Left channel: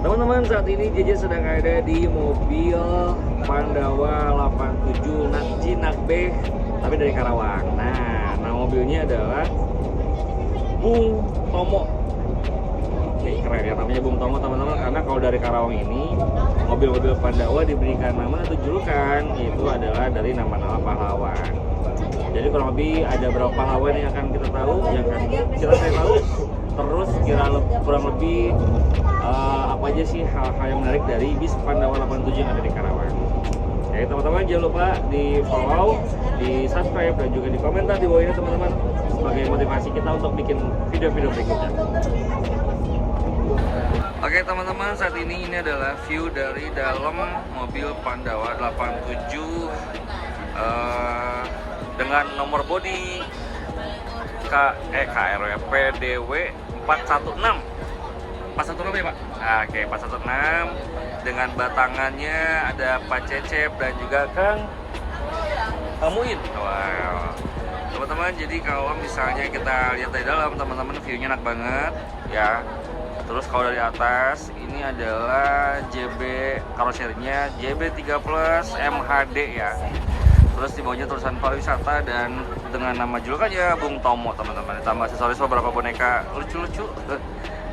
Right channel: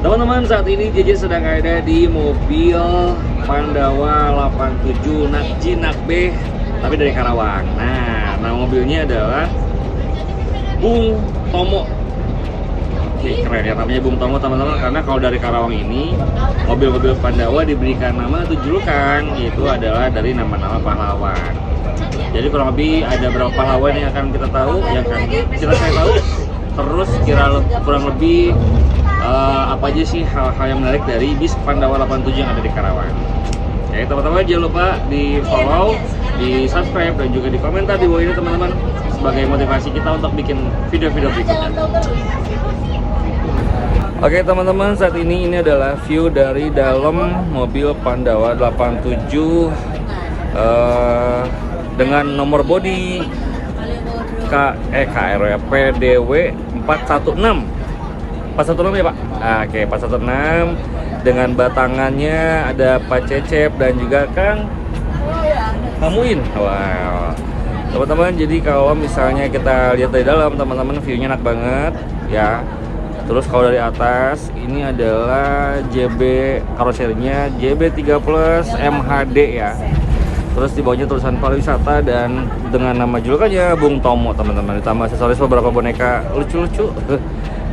Teman-teman, saat ini JJ sedang ada di mobil Pandawa 87 Nakji Nakbe, tapi dari Karawang. Nah, nama mobilnya adalah Bung Tomo. Oke, keren ya namanya Bung Tomo teman-teman, karena kalau dari Karawang ini mobil-mobil Pandawa diberikan nama atau julukan, yaitu adalah dari nama-nama pahlawan. Jadi kurang lebih ada berapa pahlawan yang akan kita tahu, yang akan saya tahu. Terus kurang lebih apa aja sih hal-hal yang menarik dari bis Pandawa 87 yang ada di Karawang. Oke teman-teman, jangan lupa di follow, di subscribe, dan juga di komentar di bawah ini teman-teman, sebagai motivasi kita untuk bikin video-video berikutnya. Oke teman-teman, saat ini adalah view dari dalam mobil Pandawa 87 dengan nomor bodi KRW PDW 416 ya Pak. Oke, 416 dengan batangannya ada Pak Cecep dan juga Kang Pamuin. Wow. Teman-teman, jadi kalau misalnya kita lihat dari dalam teman-teman, view-nya enak banget ya. Terus kalau dari atas ini adalah JB karoserinya JB3 Plus MHD ya. Terus di bawahnya tulisan pariwisata dan dengan nama julukannya Bung Tomo teman-teman. Ditambah aksesoris beberapa boneka lucu-lucu.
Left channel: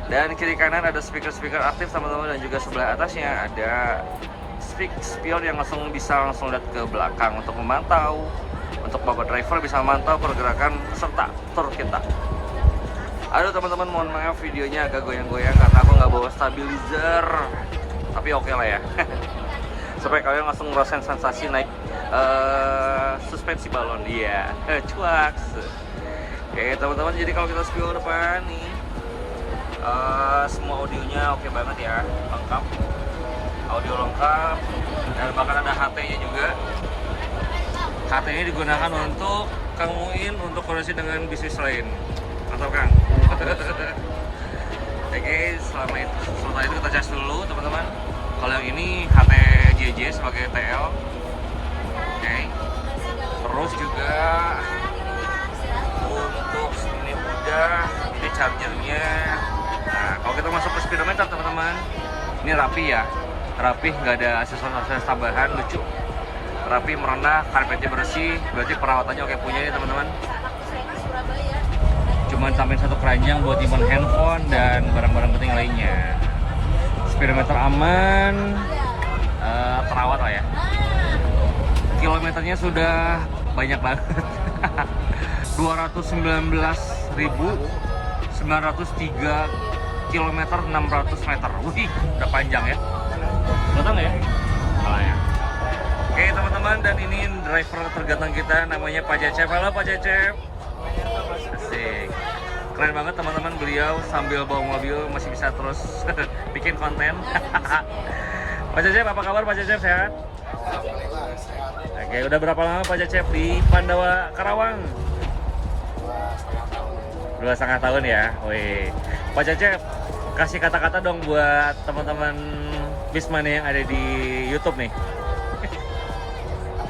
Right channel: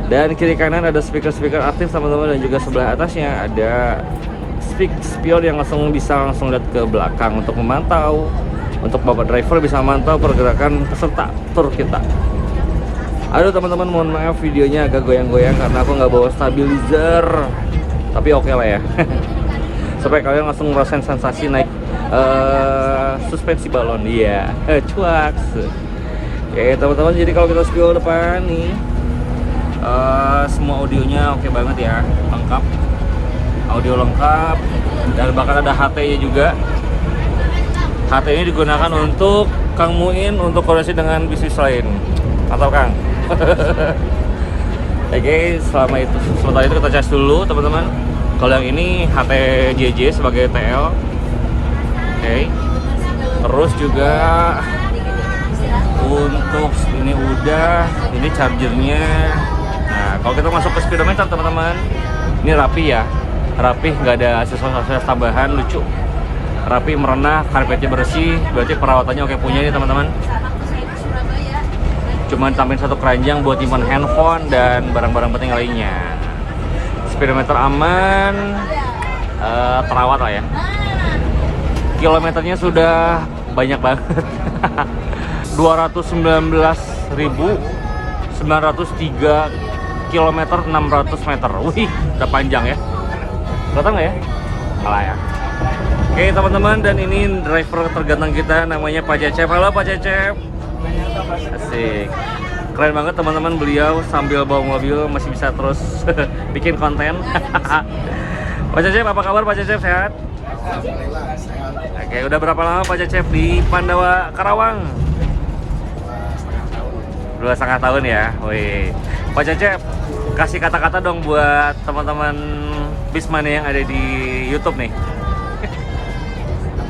Dan kiri kanan ada speaker-speaker aktif teman-teman, dan juga sebelah atasnya ada spion yang bisa langsung lihat ke belakang untuk memantau. Untuk bapak driver bisa memantau pergerakan peserta tur kita. Aduh teman-teman, mohon maaf videonya agak goyang-goyang karena aku nggak bawa stabilizer. Tapi oke lah ya. Supaya kalian langsung ngerasain sensasi naik suspensi balon. Iya, cuak. Oke teman-teman, jadi kalau kita spion depan nih, semua audionya oke banget ya, lengkap, audio lengkap, dan bahkan ada HT-nya juga. HT ini digunakan untuk Kang Muin untuk koordinasi dengan bisnis lain, atau Kang. Oke, sementara itu kita cas dulu teman-teman. Kalau yang ini HT JJ sebagai TL. Oke. Terus juga untuk ini udah, ini chargernya. Nah, kalau kita masuk ke speedometer teman-teman, ini rapi ya, rapi, nggak ada aksesoris tambahan, lucu, rapi, merenah, karpetnya bersih, berarti perawatannya oke punya nih teman-teman. Cuman tambahin satu keranjang buat simpan handphone dan barang-barang penting lainnya. Speedometer aman, terawat lah ya. Kilometernya sudah banyak banget. 219.903 kilometer 600 meter. Wih, udah panjang ya. Datang nggak ya? Malah ya. Oke teman-teman, dan ini driver terganteng kita namanya Pak Cecep. Halo Pak Cecep. Asik. Keren banget teman-teman, beliau sambil bawa mobil masih bisa terus bikin konten. Pak Cecep, apa kabar Pak Cecep, sehat? Alhamdulillah sehat. Oke, udah berapa lama Pak Cecep di Pandawa Karawang? 2,5 tahun ya. Wih. Pak Cecep, kasih kata-kata dong buat teman-teman Bismania yang ada di YouTube nih.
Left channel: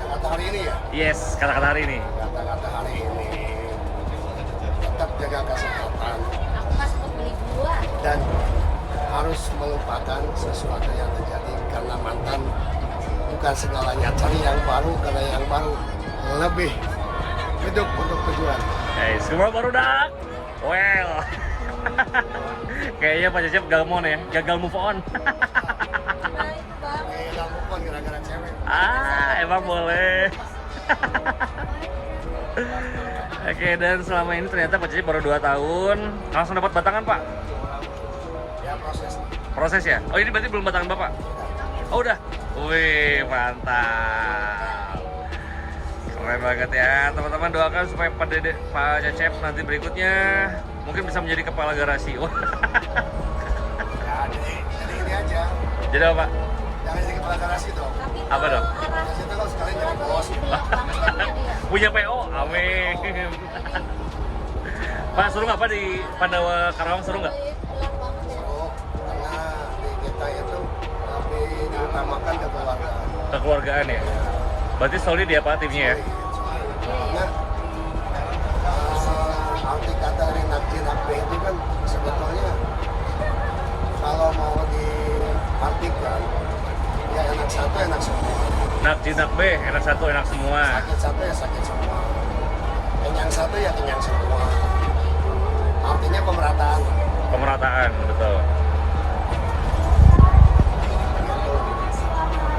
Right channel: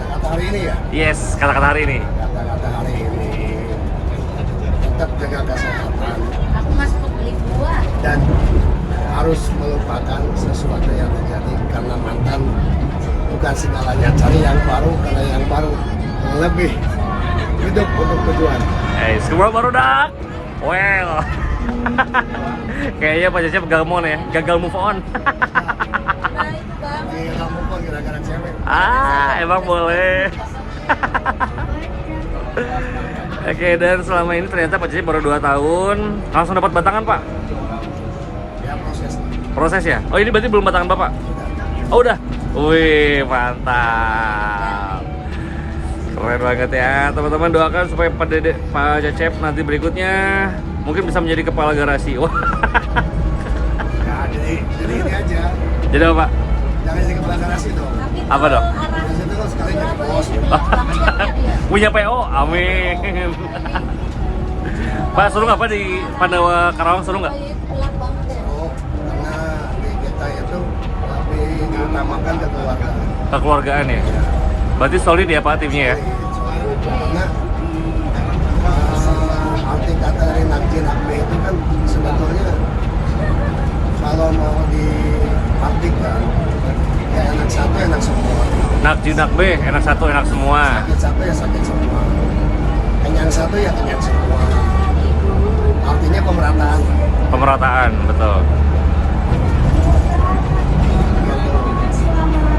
Kata-kata hari ini ya? Yes, kata-kata hari ini. Kata-kata hari ini tetap jaga kesehatan dan harus melupakan sesuatu yang terjadi, karena mantan bukan segalanya. Cari yang baru, karena yang baru lebih hidup untuk tujuan. Semua baru dah. Well. Kayaknya Pak Cecep gagal move ya, gagal move on. Iya, move gara-gara cewek. Emang boleh. Oke, dan selama ini ternyata Pak Cecep baru 2 tahun langsung dapat batangan Pak? Ya, Proses ya? Oh, ini berarti belum batangan Bapak? Oh, udah? Wih, mantap. Keren banget ya, teman-teman, doakan supaya Pak Cecep nanti berikutnya mungkin bisa menjadi kepala garasi. Wah. Ya, jadi ini aja. Jadi apa Pak? Jangan jadi kepala garasi dong. Apa dong? Biasanya itu kan sekali jadi bos. Punya PO, amin. Pak, seru nggak Pak di Pandawa Karawang, seru nggak? Oh, karena di kita itu lebih diutamakan ke keluarga. Kekeluargaan ya? Berarti solid ya Pak timnya ya? Karena arti kata Nakji Nakbe itu kan sebetulnya kalau mau di enak B, enak satu, enak semua. Sakit satu ya sakit semua. Kenyang satu ya kenyang semua. Artinya pemerataan. Pemerataan, betul.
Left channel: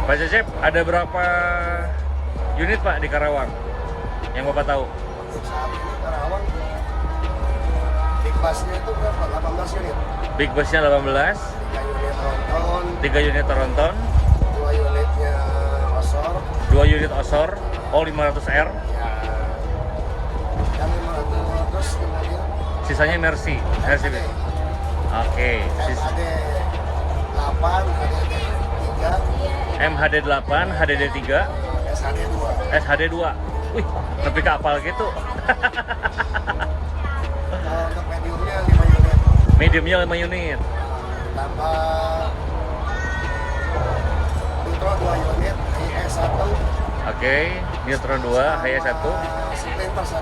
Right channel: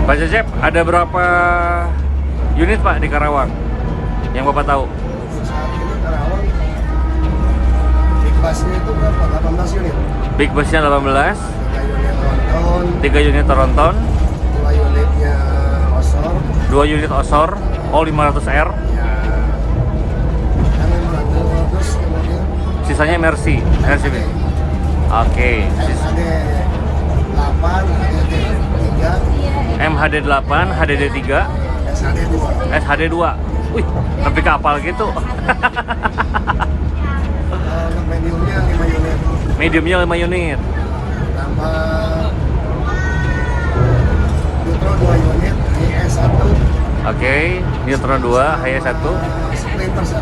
Pak Cecep, ada berapa unit Pak di Karawang yang Bapak tahu? Untuk saat ini Karawang big busnya itu berapa? 18 unit. Big busnya 18, 3 unit tronton, 3 unit tronton, 2 unitnya osor. 2 unit osor, all 500R, Ya, kami menanggung terus kemudian sisanya Mercy. Mercy. Oke. SHD 8, HDD 3, MHD 8, HDD 3, SHD 2. SHD 2. Wih, sampai kapal gitu. Untuk mediumnya 5 unit. Mediumnya 5 unit. Tambah Nitro 2 unit, IS 1, Oke, Nitro 2, HS 1, Sprinter 1.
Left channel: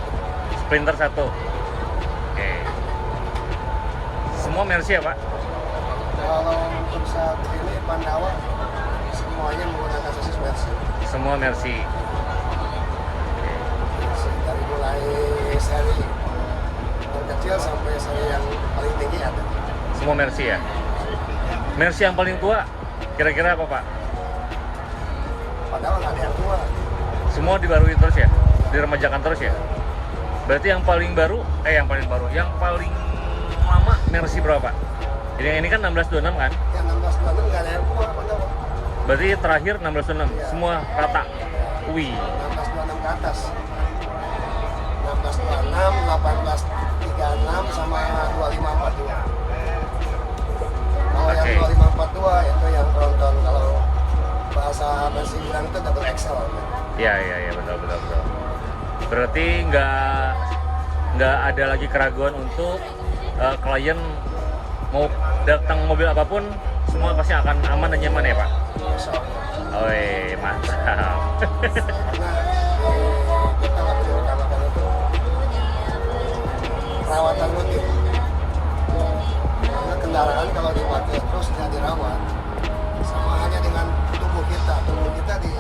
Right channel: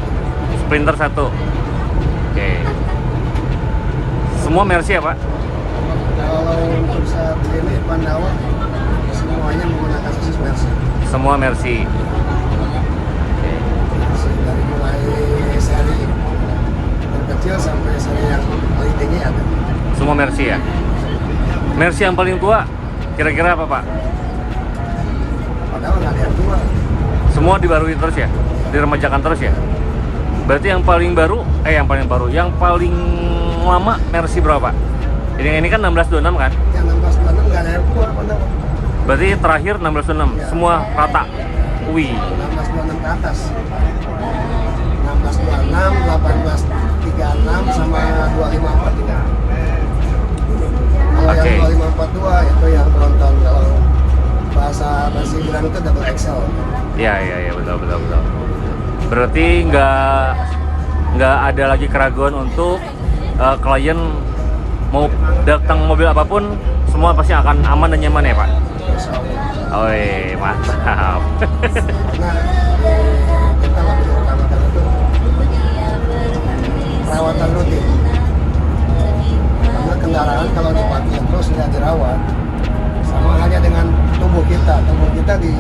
Sprinter 1. Oke. Semua Mercy ya, Pak? Kalau untuk saat ini Pandawa semuanya menggunakan sasis Mercy. Semua Mercy. Dari mulai seri terkecil sampai seri yang paling tinggi ada. Semua Mercy ya. Mercy yang paling tua kira-kira apa, Pak? Padahal nggak ada yang tua. Semua dibarui terus ya? Diremajakan terus ya? Berarti yang paling baru, yang paling lama Mercy berapa? Jadi ini kan 1626 kan? Yang 16 nggak ada yang tua padahal. Berarti terakhir 1626, Ya. semua rata. Wih, 1626 ke atas. 1626, 1836 sama 2542. Kalau Oke. yang 2542 itu yang tronton, kalau bahasa Mercy bilang itu double XL. ya betul. Berarti nggak ada lagi keraguan untuk klien mau datang mobil apapun, semua pasti akan aman dan nyaman ya Pak? Insya Allah. Oi, mantap. Karena kita lebih utamakan itu perawatan rutin. Karena kendaraan kalau dipakai terus nggak dirawat, sama hanya dengan tubuh kita dipakai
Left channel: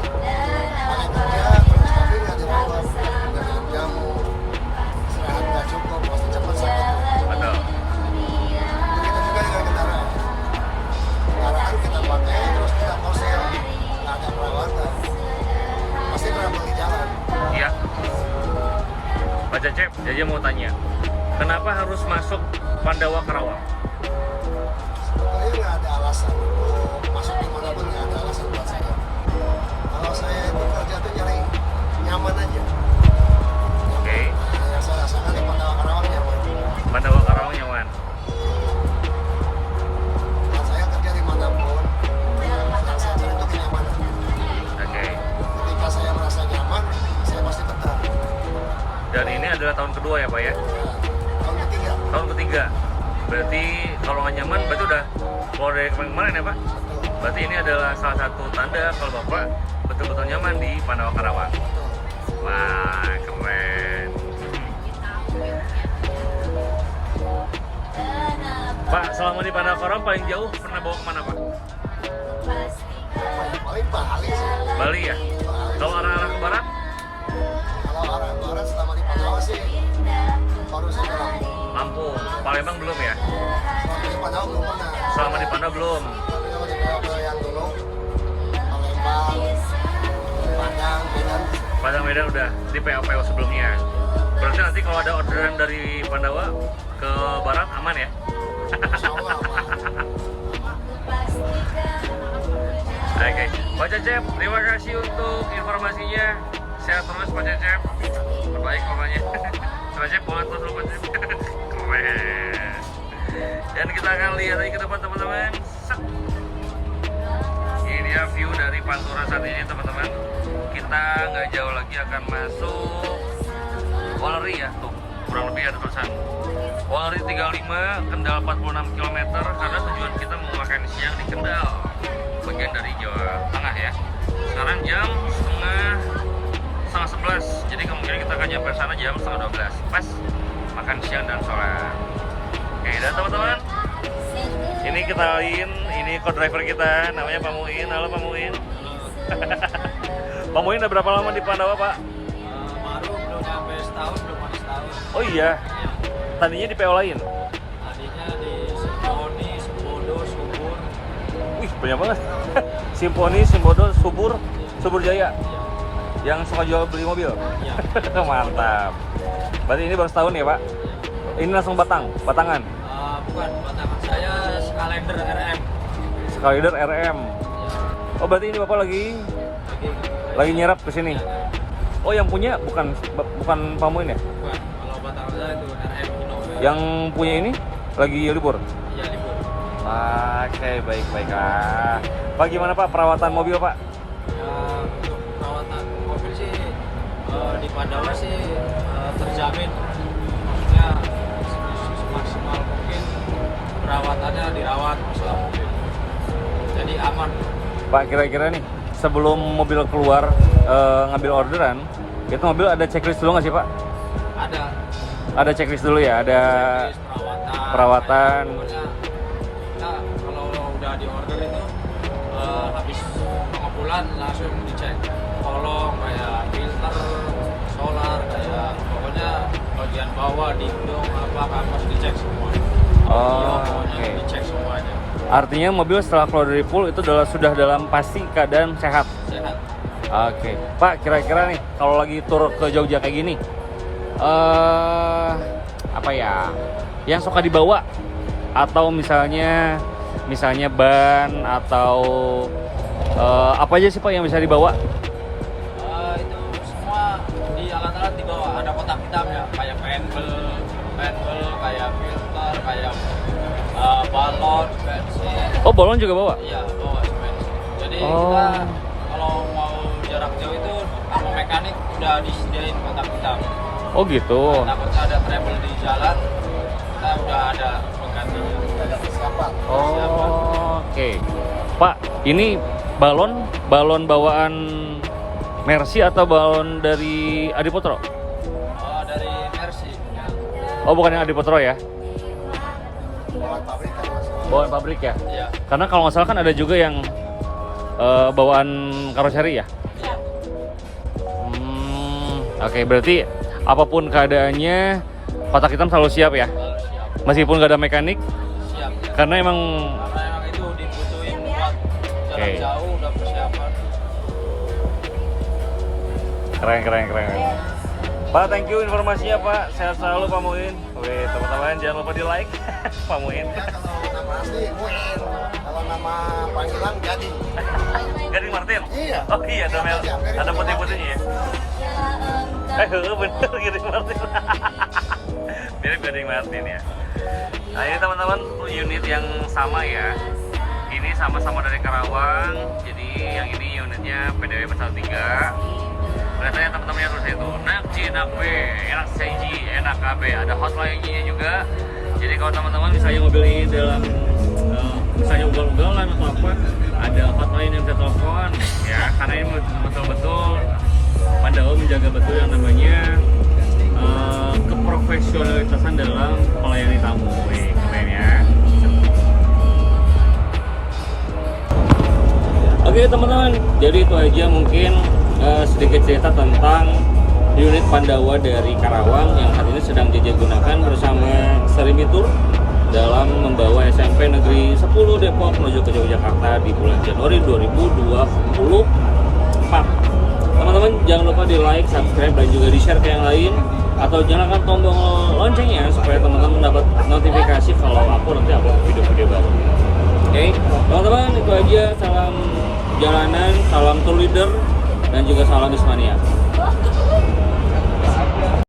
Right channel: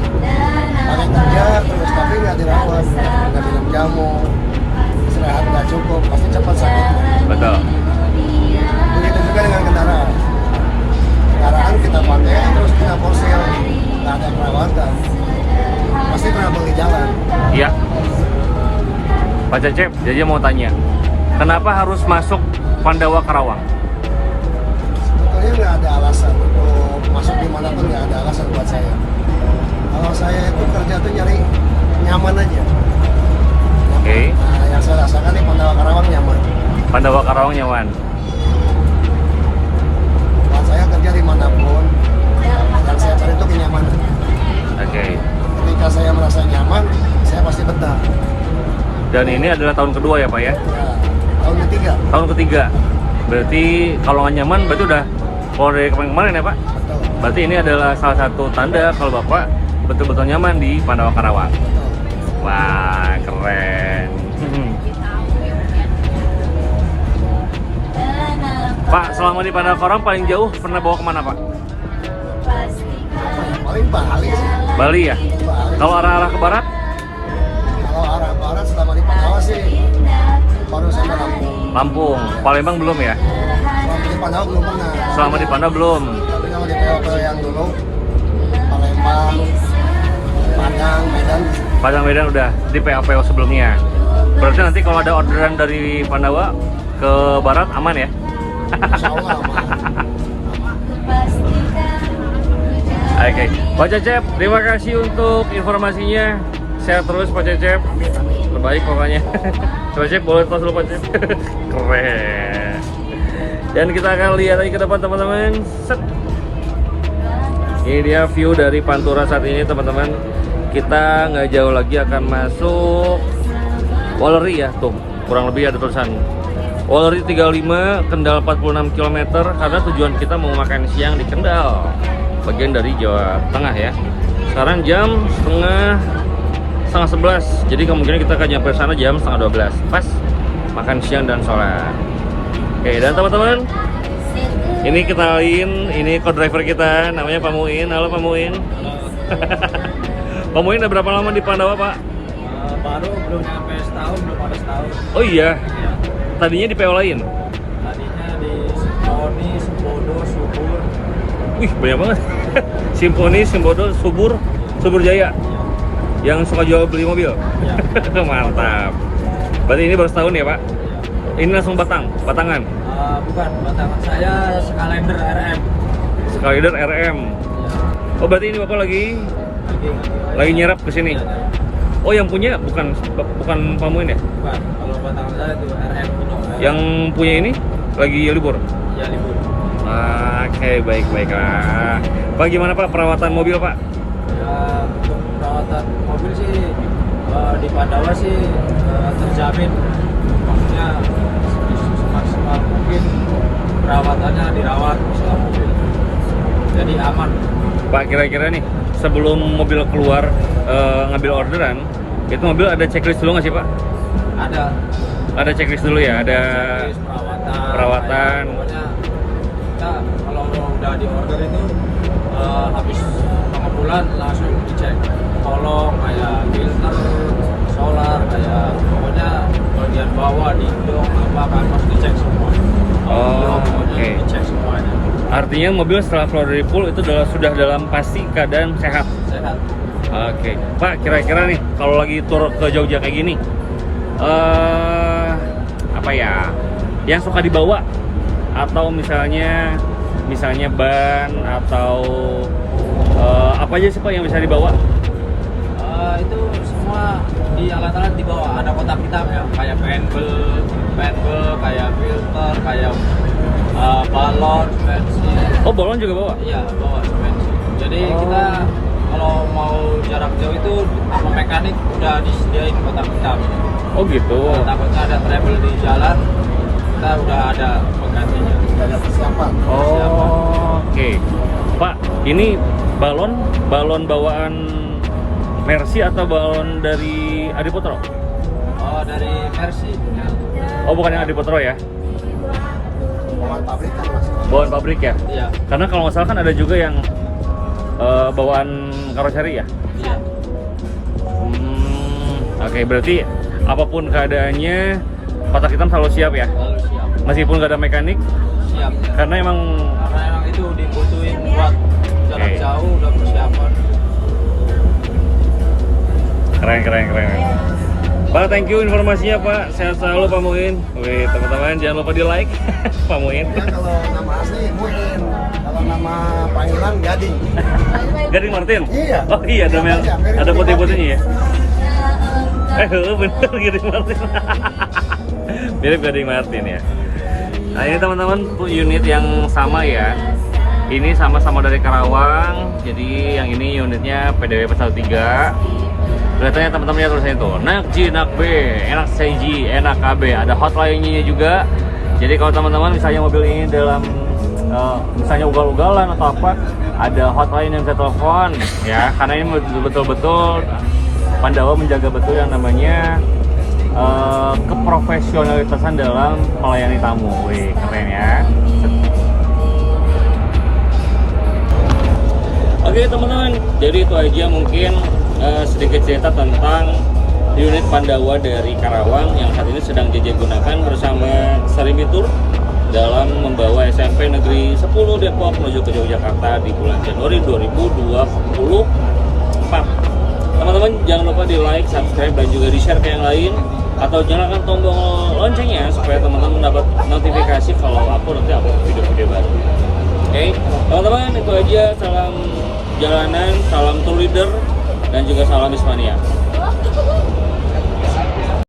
kerja terus tapi nggak dirawat, nggak minum jamu, istirahat nggak cukup, pasti cepat sakit. Betul. Begitu juga dengan kendaraan. Kendaraan kita pakai terus kita posel, nggak ada perawatan, pasti trouble di jalan. Iya. Pak Cecep, jadi mau tanya, kenapa harus masuk Pandawa Karawang? Sebetulnya nggak ada alasan untuk masuk dimanapun, nggak ada alasan buat saya. Kalau saya itu kerja tuh nyari nyaman aja. Oke. Nah, yang saya rasakan di Pandawa Karawang nyaman. Pandawa Karawang nyaman. Kalau saya kerja dimanapun, yang saya cari itu kenyamanan. Oke. Ketika saya merasa nyaman, saya pasti betah. Dan ini adalah tahun kedua ya Pak ya? Ya, tahun ketiga, Tahun ketiga. Berarti kalau nggak nyaman, berarti udah kalau dari kemarin ya Pak? betul, Berarti ini adalah salah satu tanda kalau Bapak betul-betul nyaman di Pandawa Karawang. betul. Wah, keren. Pak, selama di Pandawa Karawang paling jauh pernah bawa kemana Pak? Paling Bali sih. Bali ya? Bali. Kalau arah-arah ke barat? Kalau arah barat selama di Pandawa sih baru sampai Lampung. Lampung. Palembang belum ya? Selama di Pandawa belum pernah. Selama di Pandawa belum. Tapi kalau di pulau yang dulu, Palembang, Padang, Medan, Padang Medan udah di PO sebelumnya. Berarti nanti kalau ada orderan dari Pandawa ke barat aman ya? insya Allah aman. Oke, Pak Cecep, terima kasih untuk informasinya. Sehat terus Pak Cecep. Terbaik pokoknya. Pak Cecep boleh tos dulu Pak Cecep. Keren. Dan kita akan lihat lagi ke depan teman-teman. Set. Ini dia view dari Pantura saat ini teman-teman. Kita nggak jauh lagi akan masuk Walleri ya, tuh kurang lebih ada tulisan Walleri 35, Kendal 46 km karena tujuan kita mau makan siang di Kendal, bagian dari Jawa Tengah ya. Sekarang jam setengah 11, jadi kemungkinan kita akan nyampe sana jam setengah 12 pas makan siang dan sholat. Oke, dan teman-teman, ini kenalin, ini co-driver kita namanya Pak Muin. Halo Pak Muin. Pak Muin udah berapa lama di Pandawa, Pak? Baru belum sampai setahun, belum ada setahun. Oh iya. Tadinya di PO lain. Tadinya di Simponi, Simbodo, Subur. Wih, banyak banget. Simponi, Simbodo, Subur Jaya. Yang suka jual beli mobil. Ya. Mantap. Berarti ini baru setahun ya, Pak? Ini langsung batangan. Bukan, batangan saya Skylander RM. Skylander RM. Oh, berarti ini Bapak lagi nyerap ke sini. Oh, yang punya bukan Pak Muin ya? Bukan, kalau batangan saya itu RM. Yang punya ini lagi libur. Ya, libur. Oke, baik-baiklah. Pak, gimana Pak perawatan mobil, Pak? Untuk perawatan mobil sih di Pandawa sih terjamin. Maksudnya semaksimal mungkin perawatannya dirawat selama mungkin. Jadi aman. Pak, kira-kira nih sebelum mobil keluar ngambil orderan, itu mobil ada checklist dulu nggak sih, Pak? Ada checklist dulu ya, ada Checklist, perawatan. Pokoknya kita kalau udah di order ini habis 5 bulan langsung dicek kolong kayak filter, solar, kayak pokoknya bagian bawah, dinding, apa harus dicek semua. Oh, oke. Dicek semuanya. Artinya mobil setelah keluar dari pool itu sudah dalam pasti keadaan sehat. Sehat. Oke, Pak, kira-kira nih kalau lagi tur ke Jogja kayak gini, apa ya, yang suka dibawa atau misalnya ban atau apa aja sih Pak yang bisa dibawa? Itu semua di alat-alat di bawah ada kotak hitamnya kayak penbel, kayak filter, kayak balon, bensin. Oh, balon juga bawa? Iya, bawa bensin. Jadi kita kalau mau jarak jauh itu sama mekanik udah disediain kotak hitam. Oh gitu. Takutnya ada trouble di jalan, kita udah ada penggantinya. Ada persiapan. Oh, oke. Pak, ini balon bawaan Mercy atau balon dari Adiputro? Oh, dari Mercy. Ya. Oh, bukan yang Adiputro ya? Bawaan pabrik kan Mas. Bawaan pabrik ya? Iya. Karena kalau nggak salah kan ada juga yang bawaan karoseri ya? Iya. Oke, berarti apapun keadaannya kotak hitam selalu siap ya? Lalu siap. Meskipun nggak ada mekanik? Siap. Karena emang Karena emang itu dibutuhin buat jarak Oke. jauh, udah persiapan. keren. Pak, thank you informasinya Pak. Sehat selalu Pak Muin. Wih, teman-teman jangan lupa di like Pak Muin. Ya, kalau nama asli Muin, kalau nama panggilan Gading. Gading Martin? Iya. Oh iya, ada putih-putihnya ya? Bener Gading Martin. Mirip Gading Martin ya. Nah ini teman-teman unit yang sama ya. Ini sama-sama dari Karawang. Jadi yang ini unitnya PDW 13. Kelihatannya teman-teman lihat tulisannya tuh, nak G, nak B, enak CG, enak KB. Ada hotline-nya juga. Jadi kalau teman-teman misalnya mobil ini dalam misalnya ugal-ugalan atau apa, ada hotline yang bisa telepon ya. Karena ini betul-betul Pandawa menjaga betul yang namanya keprofesionalitasan dalam melayani tamu. Wih, keren ya. Oke teman-teman, jadi itu aja mungkin sedikit cerita tentang unit Pandawa dari Karawang yang saat ini sedang JJ gunakan bersama Serimi Tour dalam membawa SMP Negeri 10 Depok menuju ke Yogyakarta di bulan Januari 2024. Teman-teman jangan lupa di like, subscribe, dan juga di share ke yang lain atau nyalakan tombol loncengnya supaya teman-teman dapat notifikasi kalau aku nanti upload video-video baru. Oke, teman-teman itu aja. Salam jalanan, salam tour leader, dan juga salam Ismania.